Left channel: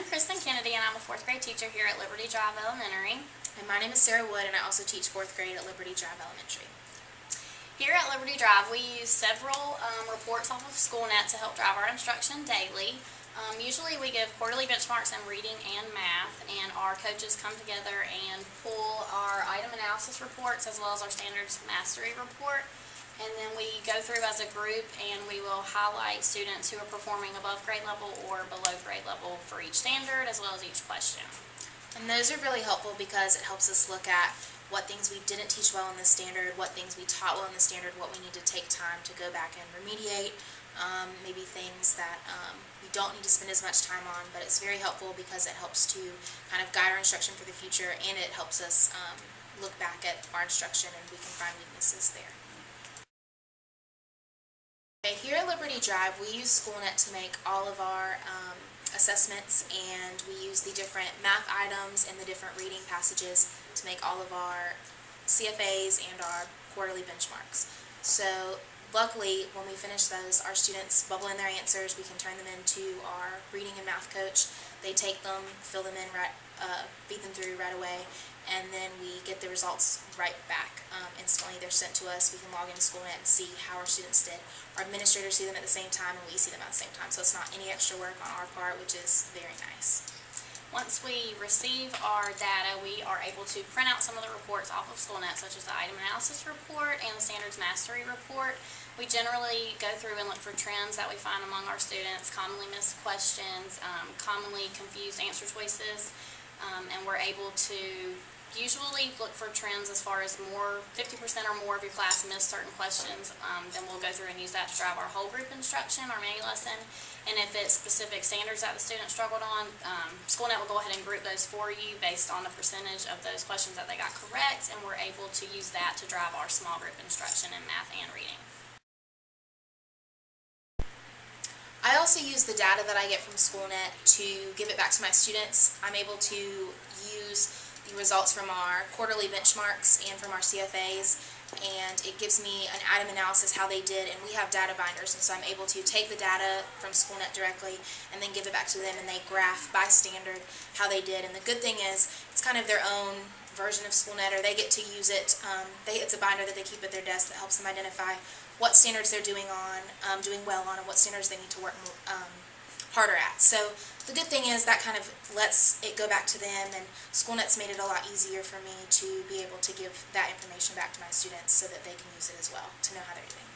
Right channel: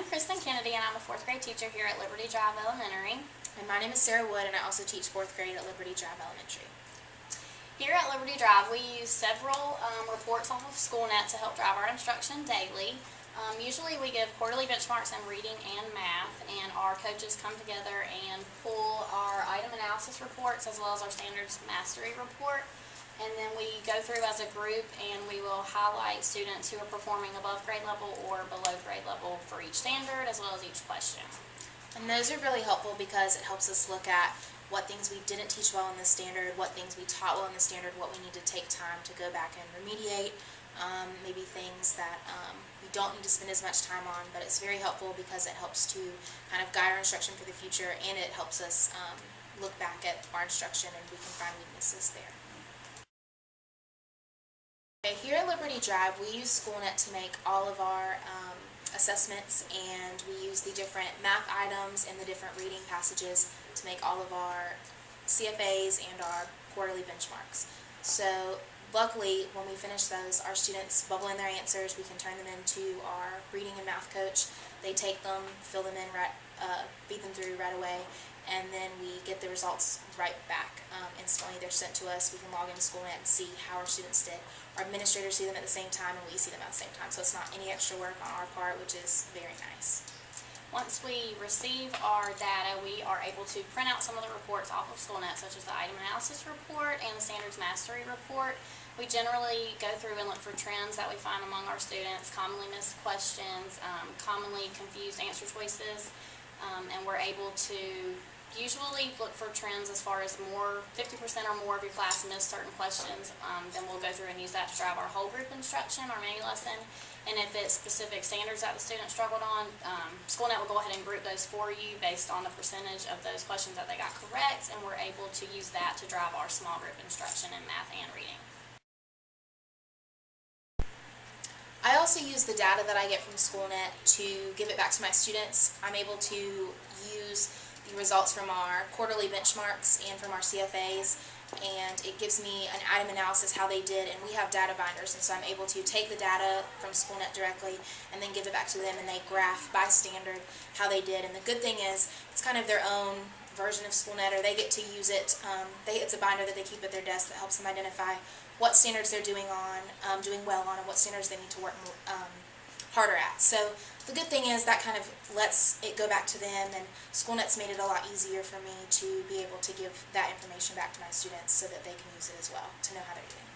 I'm Kristin Kennedy, and I'm a 4th grade teacher here at Liberty Drive Elementary. And my name is Sarah Wood, and I also teach 4th grade at Liberty Drive Elementary. Here at Liberty Drive, we use several reports off of Schoolnet to help drive our instruction daily. Usually we give quarterly benchmarks in reading and math, and our coaches come together and pull our item analysis reports as well as our standards mastery report. And then we go through as a group and we will highlight students who are performing above grade level or below grade level for each standard as well as each question. And those are really helpful because it helps us look at what things we didn't teach well in the standard, what things we taught well in the standard, what we need to take time to go back and remediate, maybe things that we don't need to spend as much time on, but it's very helpful because it helps to kind of guide our instruction for the future, and it helps us look back at our instruction and we can find weaknesses there. Okay, here at Liberty Drive, we use Schoolnet to make all of our assessments, and we use the different math items and the different reading passages to make all of our CFAs and our quarterly benchmarks. So luckily, when we finish those, our students bubble in their answers. We can turn them into our reading and math coach. They take them, fill them in, feed them through right away, and then we get the results right back instantly. They're sent to us. We can log into Schoolnet and see how our students did. Our administrators see them at the same time, and we see them at the same time, so it's not any extra work on our part, which is very nice. Once we receive our data, we are able to print out some of the reports off of Schoolnet, such as the item analysis report and the standards mastery report. We generally go through and look for trends that we find among our students, commonly missed questions, commonly confused answer choices, and we're able to usually look for trends as far as 50% or more of your class missed certain questions. Then we'll go through and use that to drive our whole group instruction, our mini lesson. And if it's specific standards that the student struggled on, Schoolnet will go ahead and group those for you based on the percentage of those questions that they got correct, and we're able to use that to drive our small group instruction in math and reading. I also use the data that I get from Schoolnet to give it back to my students. I'm able to use the results from our quarterly benchmarks and from our CFAs, and it gives me an item analysis how they did, and we have data binders, and so I'm able to take the data from Schoolnet directly and then give it back to them, and they graph by standard how they did. And the good thing is it's kind of their own version of Schoolnet, or they get to use it. It's a binder that they keep at their desk that helps them identify what standards they're doing well on, and what standards they need to work harder at. So the good thing is that kind of lets it go back to them, and Schoolnet's made it a lot easier for me to be able to give that information back to my students so that they can use it as well to know how they're doing.